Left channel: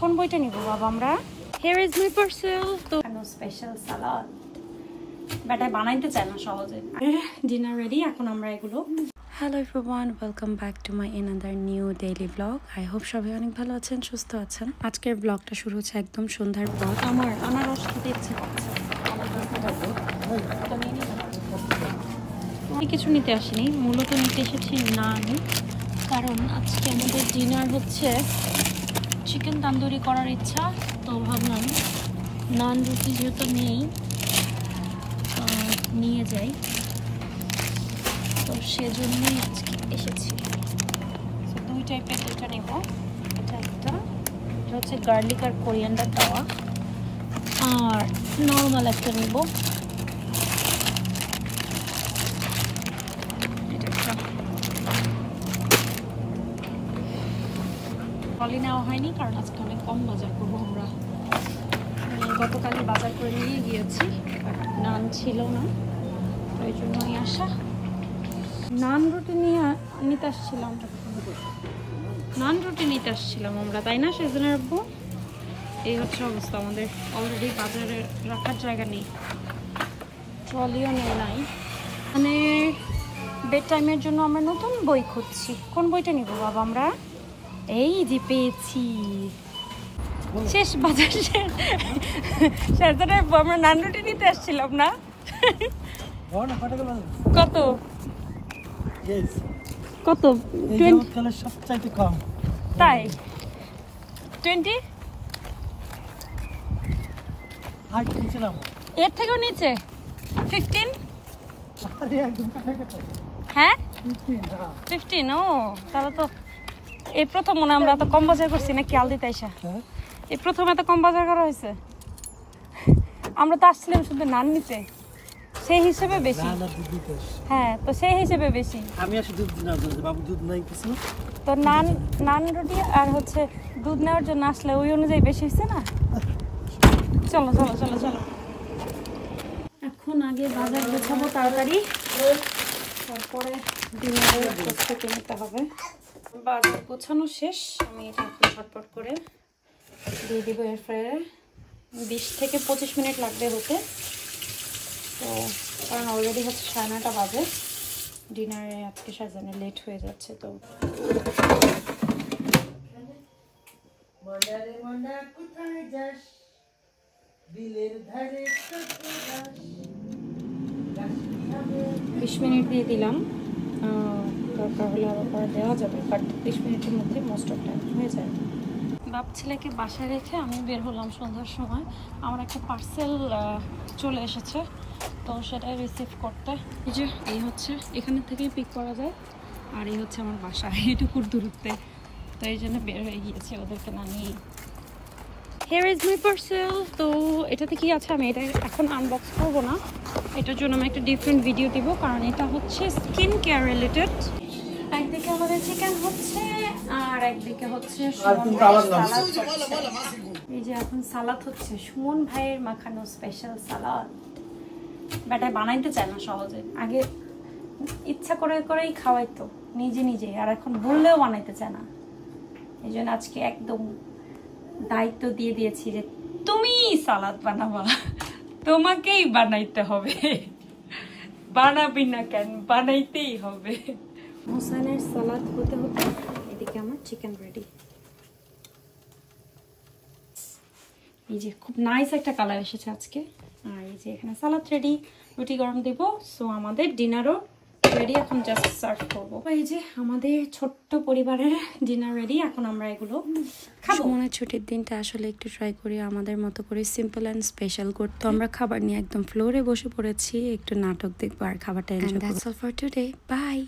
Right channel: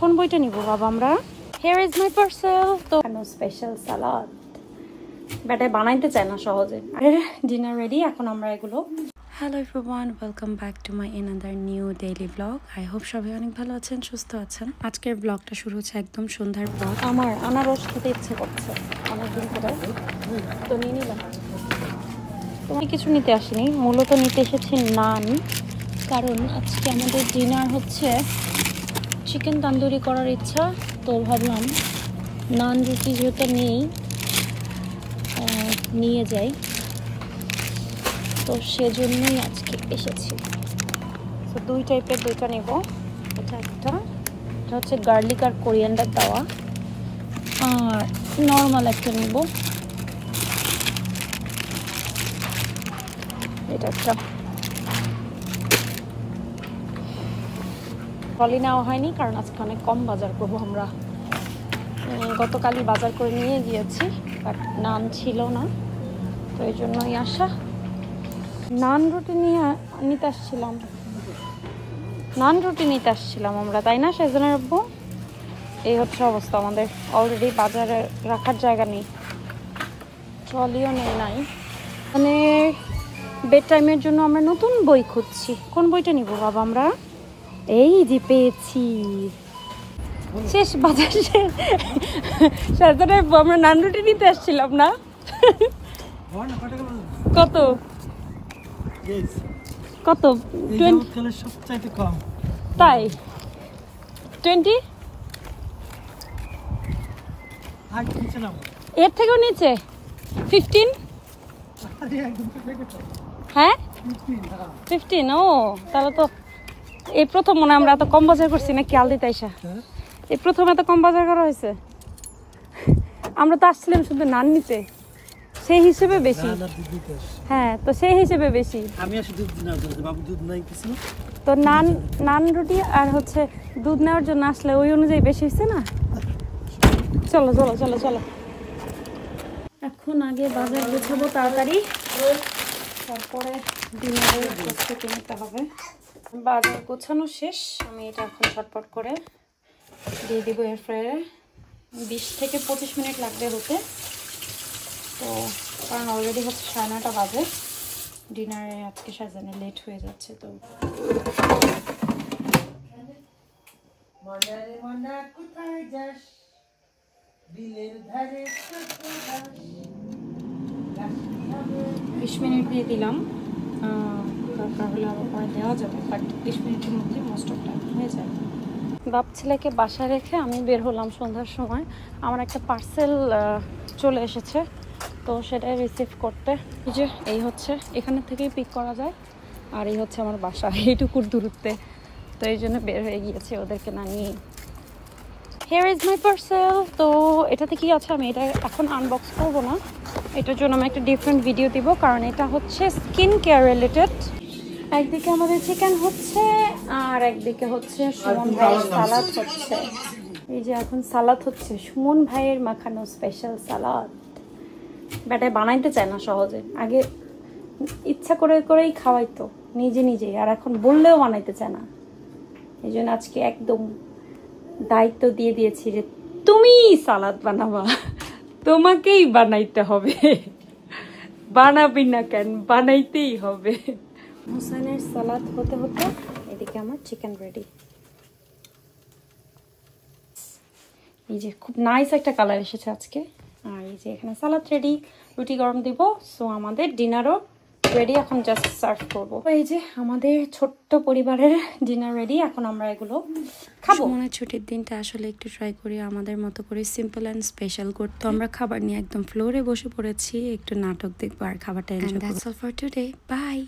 কোন বইটা নিব বাবা আমরা? Here is my parcel. তো স্পেশাল সালাদ বেটা বানাইতে চায় না সহজে। ডিনার রেডি, এখন আমরা এগুলো। Hello everyone, welcome back to my another new daily blog. I hope সবাই অনেক ভালো আছেন, সুস্থ আছেন। আজকের ব্লগটা শুরু হচ্ছে একদম সন্ধ্যার পর। আমার আনারস খেতে ইচ্ছে করছে, তো নিয়ে নিলাম। আমি কিছু নিতে আসিনি, মূলত নিতে এসেছি নান, কারণ আজকে আমাদের ডিনার হচ্ছে চিকেন তন্দুরি করার ইচ্ছা। তো ভাবলাম নান রুটি যেটা নিয়ে যাই, তো সেজন্যই আজকে এসেছি। তো দুই টাইপের দুইটা নেব। এটা হচ্ছে গার্লিক আর কোরিয়ান্ডার দেওয়া, আর নর্মাল একটা নেব। এটা একটা ট্রলি নেওয়া হয়নি, কারণ আজকে অনেক কম বাজার করবো আমরা। গতকালই বাজার করে নিয়ে গিয়েছি, বাট নান ছিল না, তো এই জন্যই আসা। নান রুটি নিতে আসছিলাম আমরা, তাই না সেজনের আব্বু? এই হচ্ছে অবস্থা আমাদের, অলরেডি বাজারে রাখার জায়গা নেই, ট্রলিও নাই। মানে বেড টাইমের জন্য আমরা নতুন বই খুঁজছি। কোন বইটা নিব বাবা আমরা? এই যে পেয়েছি, শেষ বাজার সেজনের আমরা নান রুটি নিতে আসছিলাম না। কত কত? সবচাইতে কম তাই 20, এর থেকেও নিচে 15। হ্যাঁ 15। ও তাহলে তো এই প্রথম মনে আমরা এত কম বাজার করছি না, খেয়াল দিতে আইসা এই প্রথম এত কম বাজার করা হয়েছে। আমরা তো আসছিলাম শুধু নান নিতে, সেই হিসেবে বেশি। হ্যাঁ, তো সেই হিসেবে বেশি। আমি আসলে দুধ না, বাবু দুধ নাই কিছু, তো নান রুটি আর হচ্ছে দুধ নেওয়ার জন্য আসলে ওই অনুযায়ী বেশি হয়েছে না। চলো চলো চলো চলো, এখন আগে বাজার গোছাবো তাড়াতাড়ি, তারপরে ডিনারের প্রস্তুতি নিতে হবে। বাজার গোছানো শেষ, আমি এটা এখন ঝটপট করে দিয়ে দিব এয়ার ফ্রায়ারে। 20 থেকে 25 মিনিট লাগবে হতে, তো কারণ অলরেডি হচ্ছে 9:30 বাজে, ডিনারে আজকে সাজানো লেট হয়ে যাচ্ছে। তো কোথায় যাস, দিলের ধারে 20 মিনিট দিয়ে দিলাম, দরকার হলে আরও পরে দেওয়া যাবে, বাট 20 মিনিটের মধ্যে মোস্ট অফ টাইম হয়ে যায়। বাপ ছেলেকে বাসায় রেখে আমি বের হলাম সন্ধ্যার সময়। আমার একটা পার্সেল চলে এসেছে, তো সেটাই রিসিভ করতে। এই হচ্ছে এখানে থেকেই পিক করা যায়, আর এই হচ্ছে আমার বাসা, এইটুকুর দূরত্বে। তো এই জন্য বের হয়ে গিয়েছি ওদেরকে না নিয়ে। Here is my parcel. তো এটাতে কি আছে আমি এটা এখন আনবক্স করবো না, এটার জন্য আমি একটা ডিফারেন্ট ভিডিও দিব, কারণ এটা হচ্ছে স্কিন কেয়ার রিলেটেড। একদিকে আমাদের চিকেন হচ্ছে, আর একদিকে হচ্ছে সুমন ভাইয়ের সালাদ হচ্ছে। এই যে এখন সালাদ হচ্ছে, সুমন ভাইয়ের মাখানো স্পেশাল সালাদ। বেটা বানাইতে চায় না সহজে, আগে ইচ্ছা করেই খাওয়াইতো নিজেই, আর এখন বললেও বানাইতে চায় না। এই জন্য আজকে একদম দায়িত্ব দিয়ে দিয়েছি যে তুমি সালাদ বানাবা, তোমাকেই বানাইতে হবে, বানাবি না কেন, বানাইতেই হবে। হোসেনের সালাদ হতে হতে এদিকে আমার চিকেন রেডি। এই যে খুব নাইস একটা কালার এসেছে আজকে, আর এই যে এখানে সালাদ রেডি, রুটি গরম দিব। সো আমাদের ডিনারও রেডি, এখন জাস্ট সার্ভ করবো। এই যে আমাদের ছোট্ট পরিবারের ডিনার রেডি, এখন আমরা এগুলো খাবো। মনে ছুটির দিনটা আসলে একটু ট্রাই করি আমাদের মতো করে সিম্পল অ্যান্ড স্পেশাল করতে। আমরা খাবার নিয়ে একদম ফ্লোরে বসে পড়েছি, একটু নাটক দেখবো আর খাবারটা এনজয় করব। That's all for today, by.